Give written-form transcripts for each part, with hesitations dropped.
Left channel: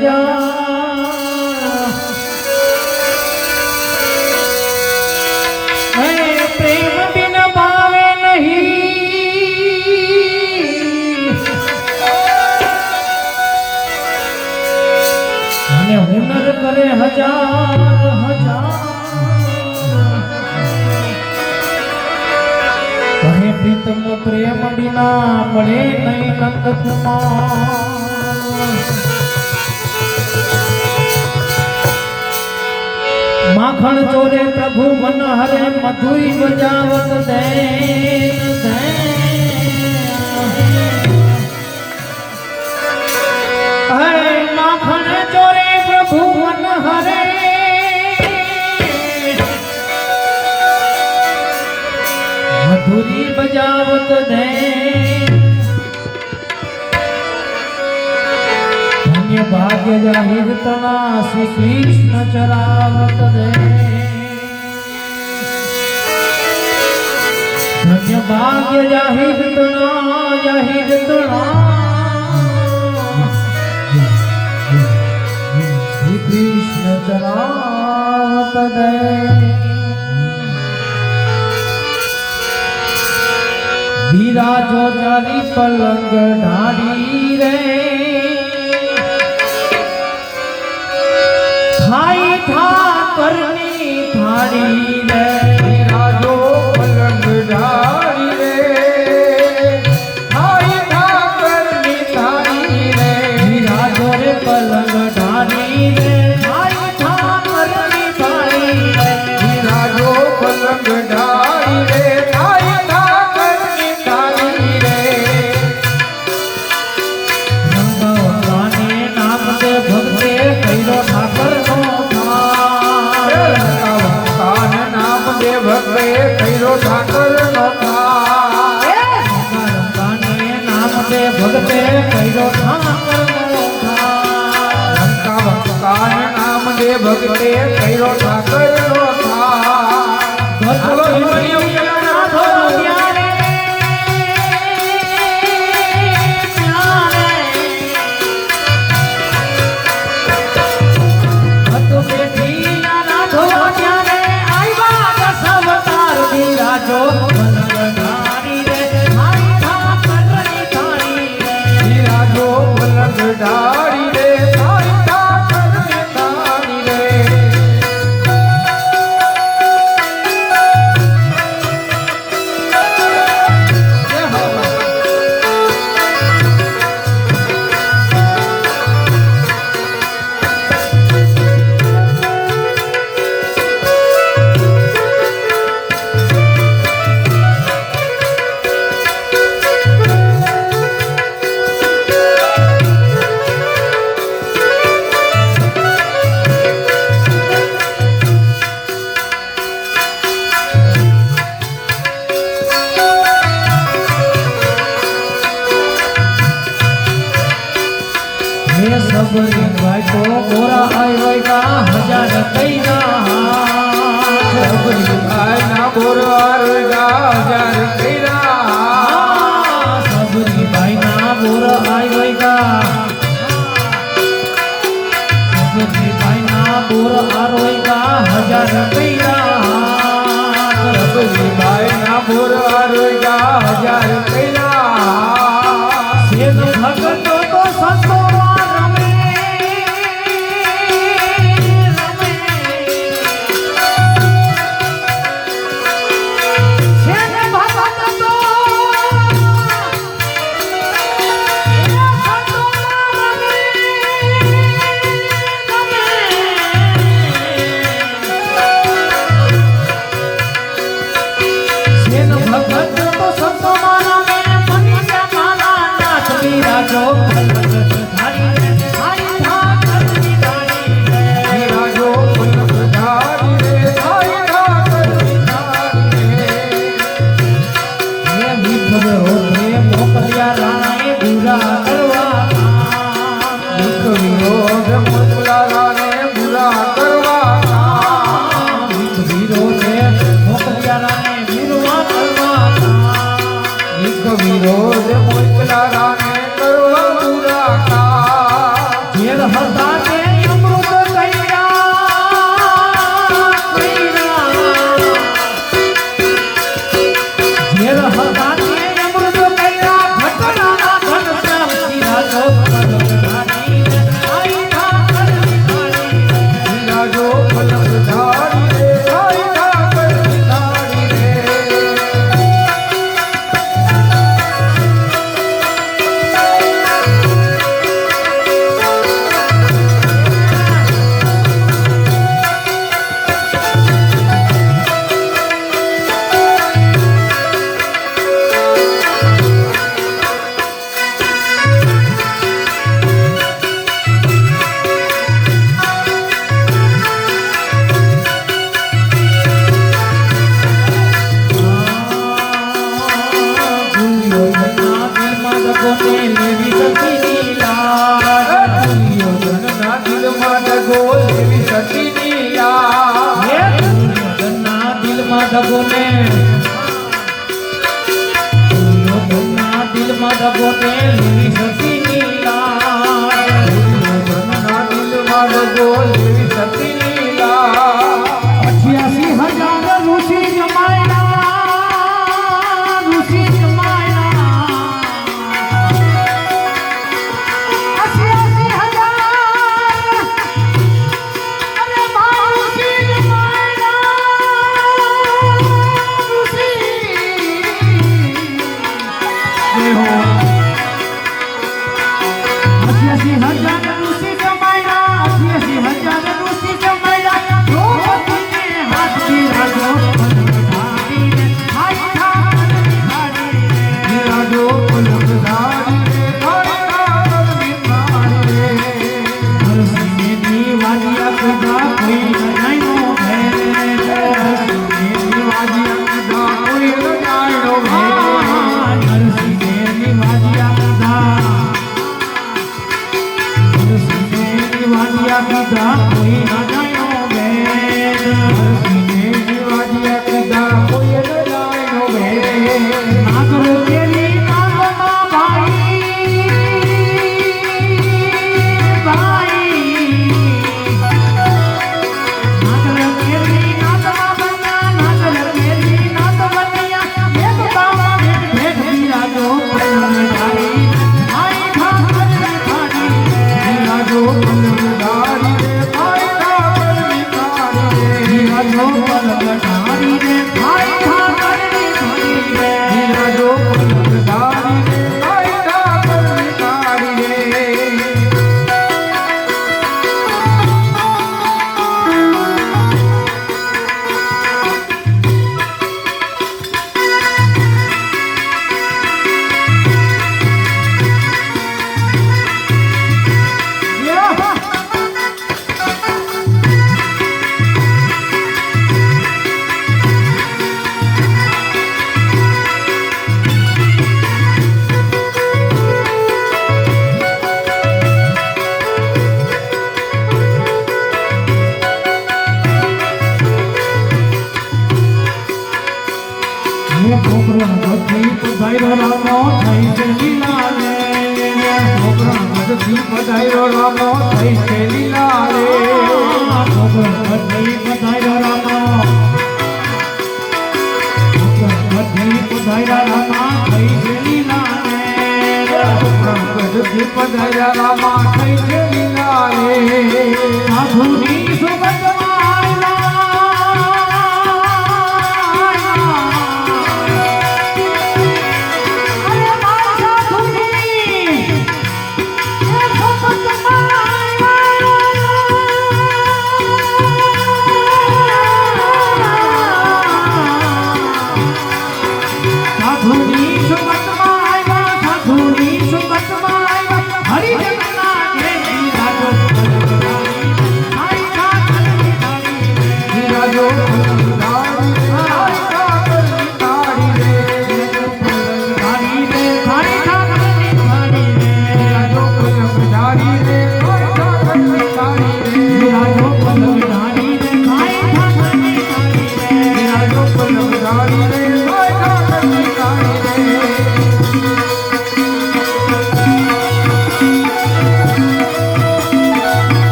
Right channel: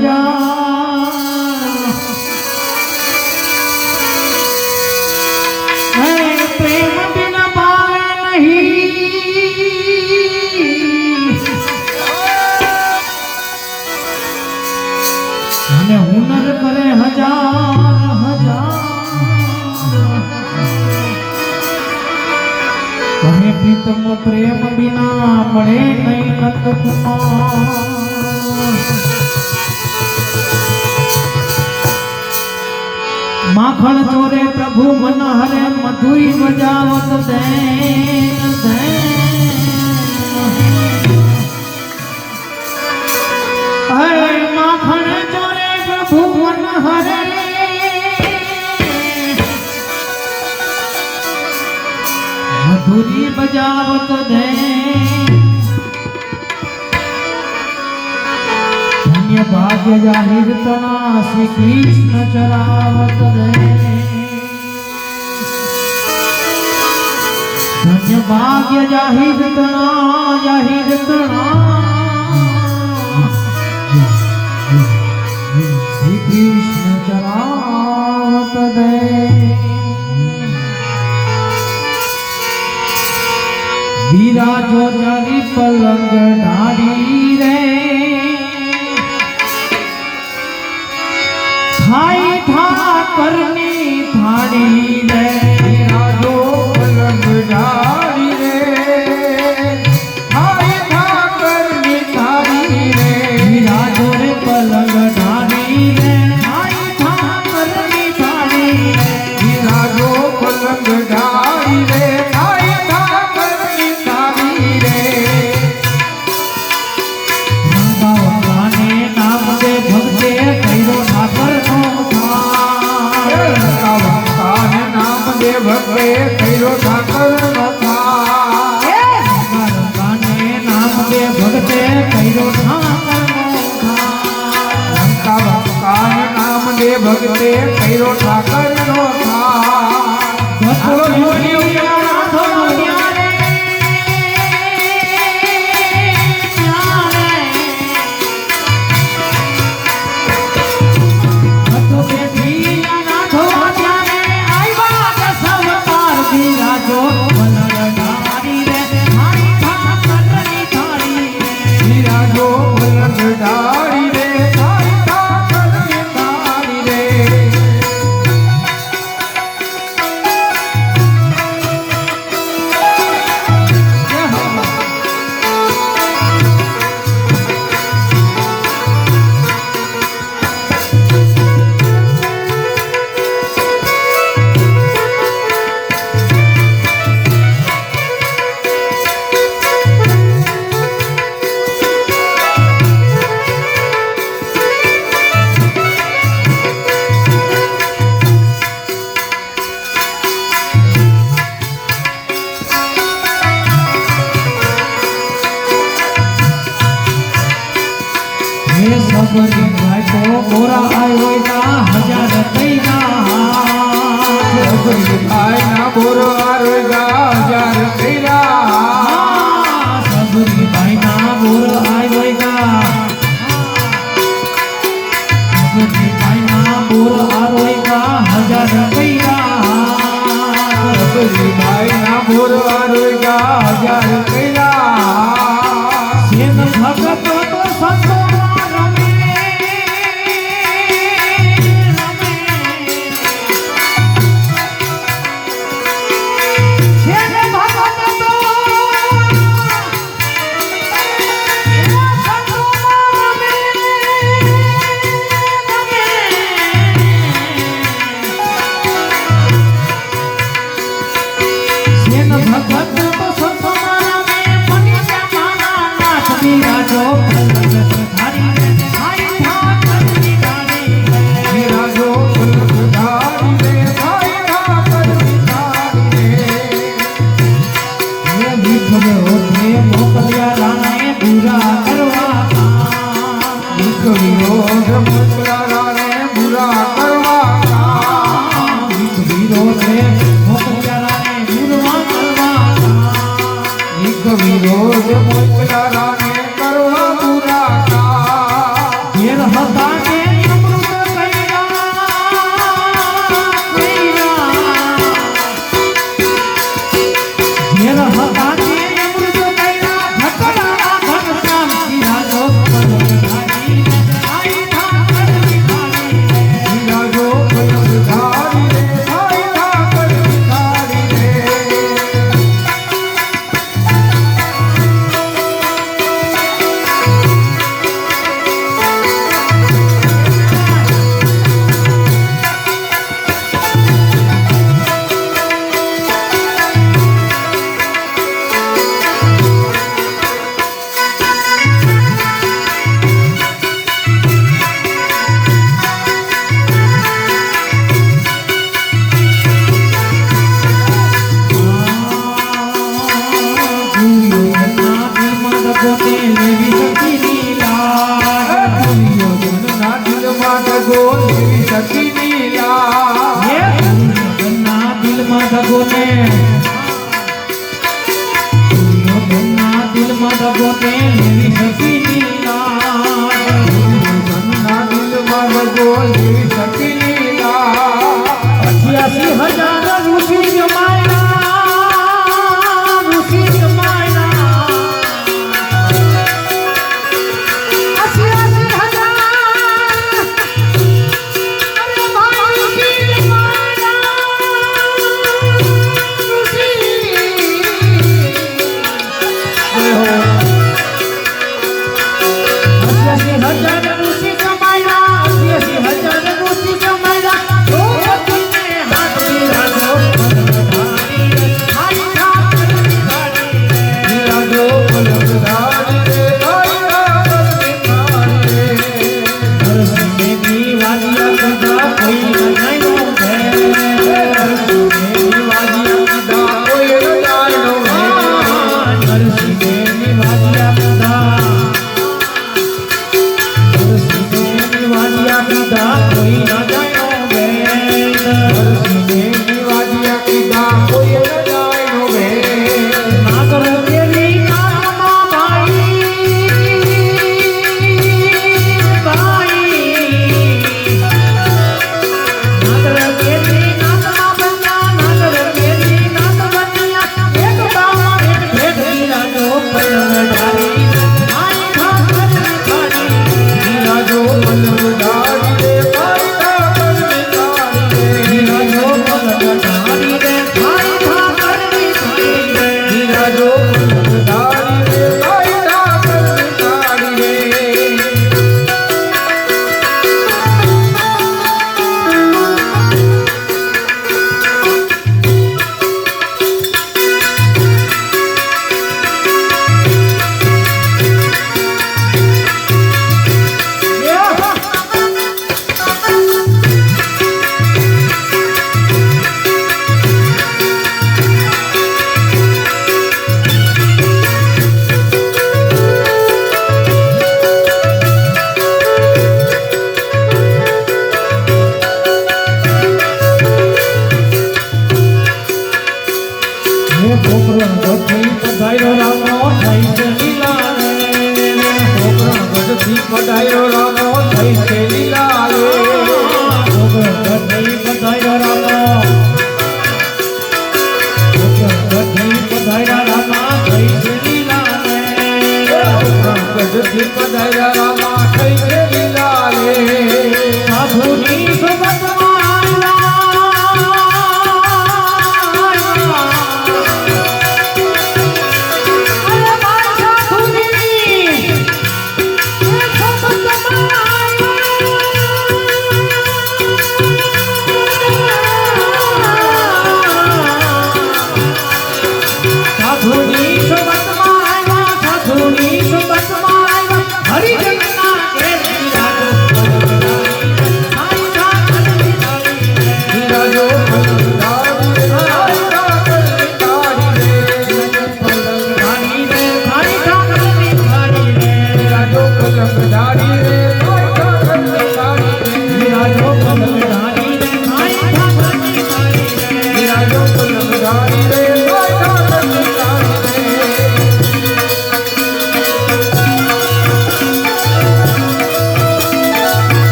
हजार प्रेम बिन पावे नहीं અને હુનર કરે हजार કહે પ્રીતમ પ્રેમ બિના મળે નહીં નંદ કુમાર માખણ ચોરે પ્રભુ મન હરે મધુરી બજાવત દે માખણ ચોરે પ્રભુ મન હરે મધુરી બજાવત દે ધન્ય ભાગ્ય જાહિર તણા શ્રી કૃષ્ણ ચરાવત દે ધન્ય ભાગ્ય જાહિર તણા શ્રી કૃષ્ણ ચરાવત દે વિરાજો ચાલી પલંગ ઢાળી રે થાઈ ઠાકરની થાળી રે વિરાજો પલંગ ઢાળી રે થાઈ ઠાકરની થાળી રે વિરાજો રે પલંગ ઢાળી રે થાઈ ઠાકરની થાળી રે વિરાજો પલંગ ઢાળી રે ભગવે કૈરો ઠાકર નો થાને નામ દે ભગતે કૈરો ઠાકર નો લંકા ભગવાન નામ દે ભગતે કૈરો ઠાકર નો सबरी भाई को गोरा आयो का हजार कैना सबरी भाई ना गोरा आयो का हजार कैना सबरी भाई ना गोरा आयो का सबरी भाई ना गोरा आयो का हजार कैना सबरी भाई ना गोरा आयो का हजार कैना सेन भगत तो संतो વિરોધ મોકલા રાને કરવા પૂરા કા હતા તે અમૃત ઝેર હતા તે અમૃત કર્યા ઘટનાના ઘનશ્યામ સિરાજો પલક ધારી આઈ ઠાકર વિખારી સિરાજો પલક ધારી આઈ ઠાકર વિખારી સાધુની સુમતમાં આવ્યા, સાધુની સુમતમાં આવ્યા, હરિજનના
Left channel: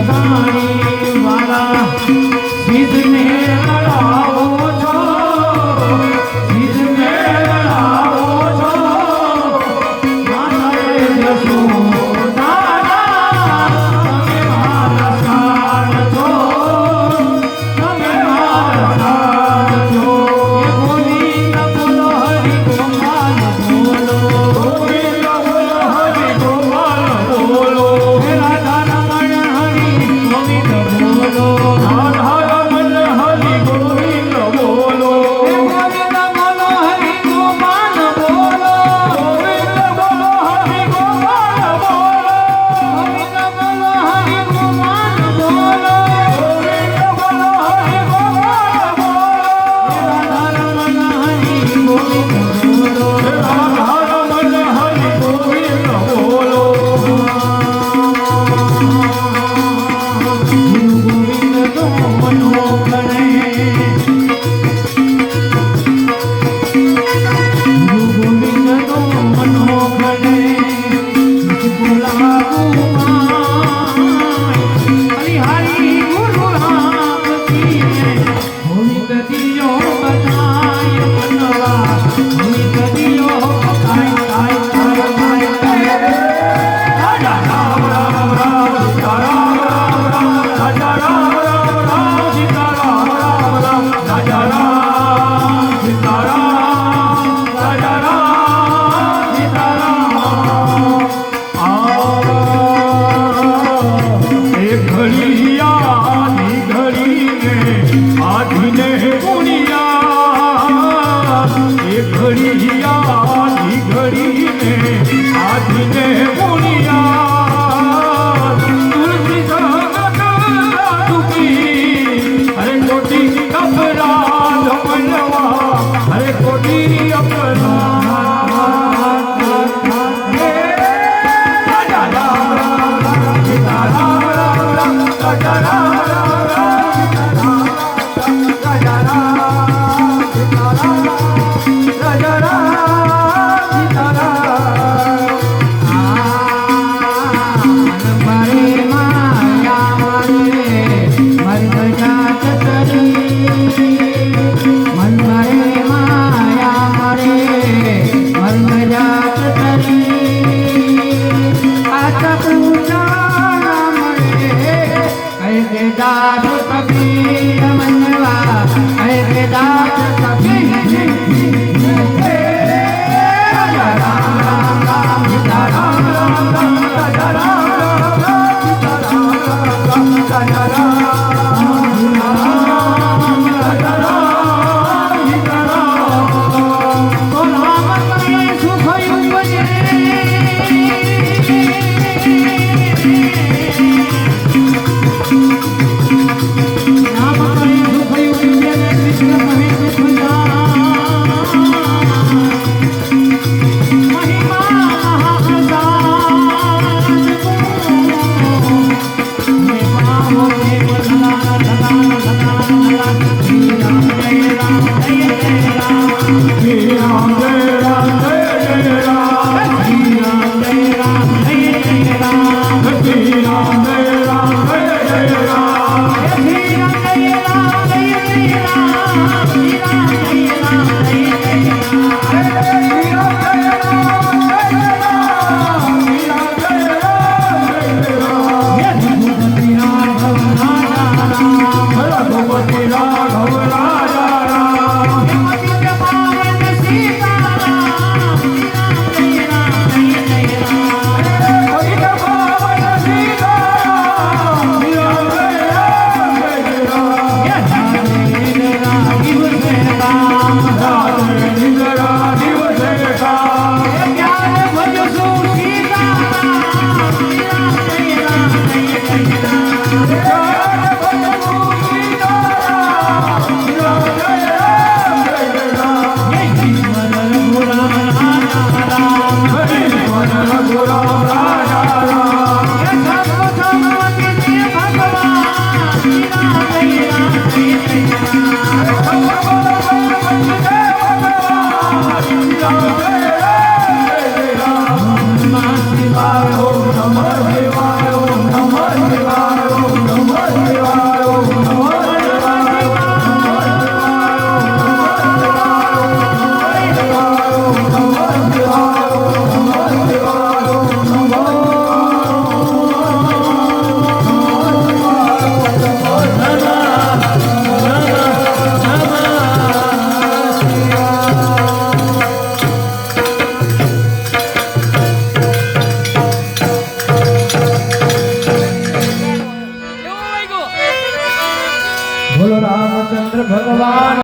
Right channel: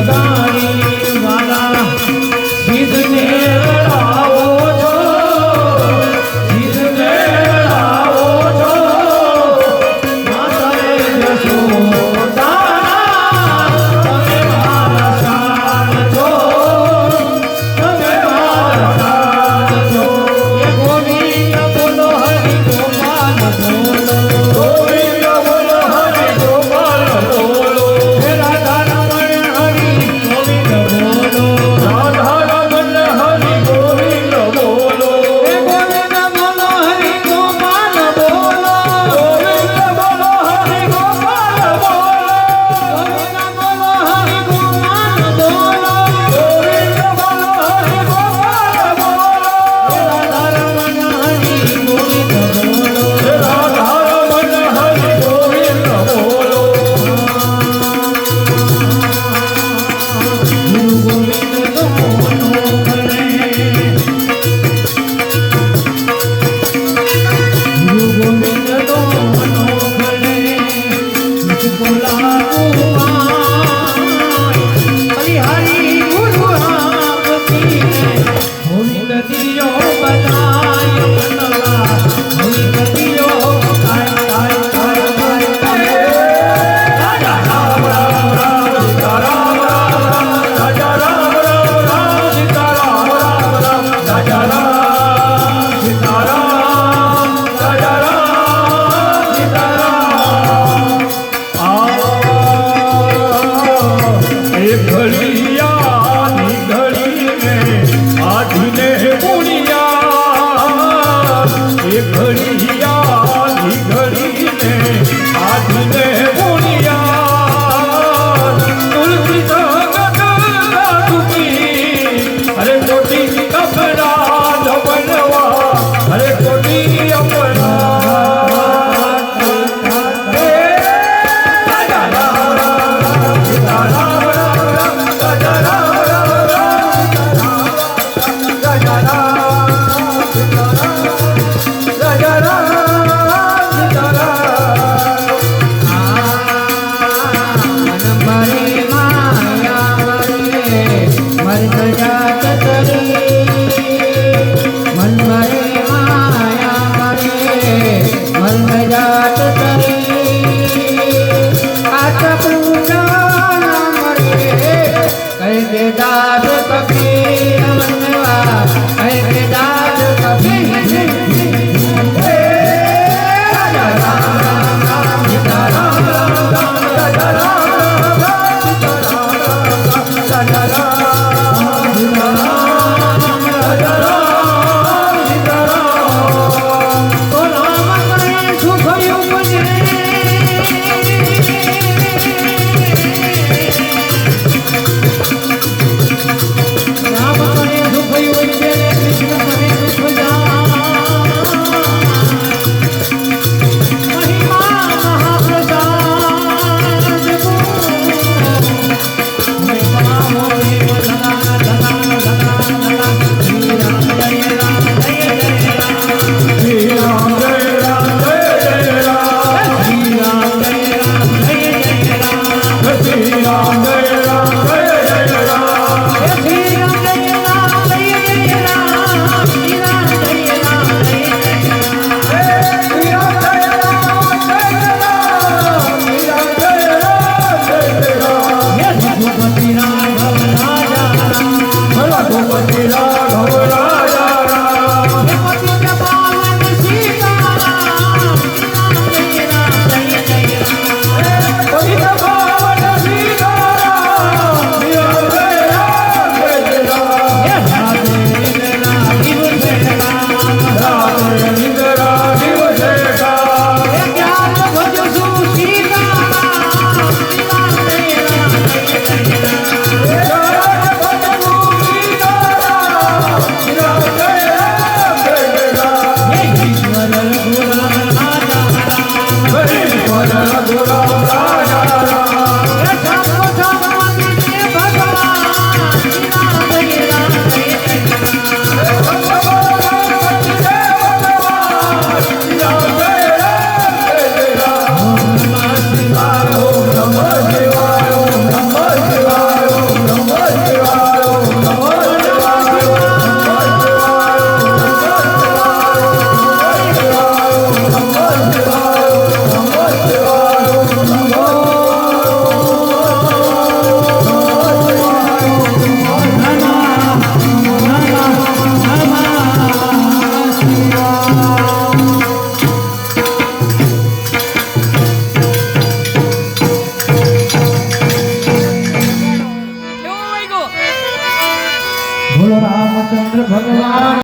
લગાડી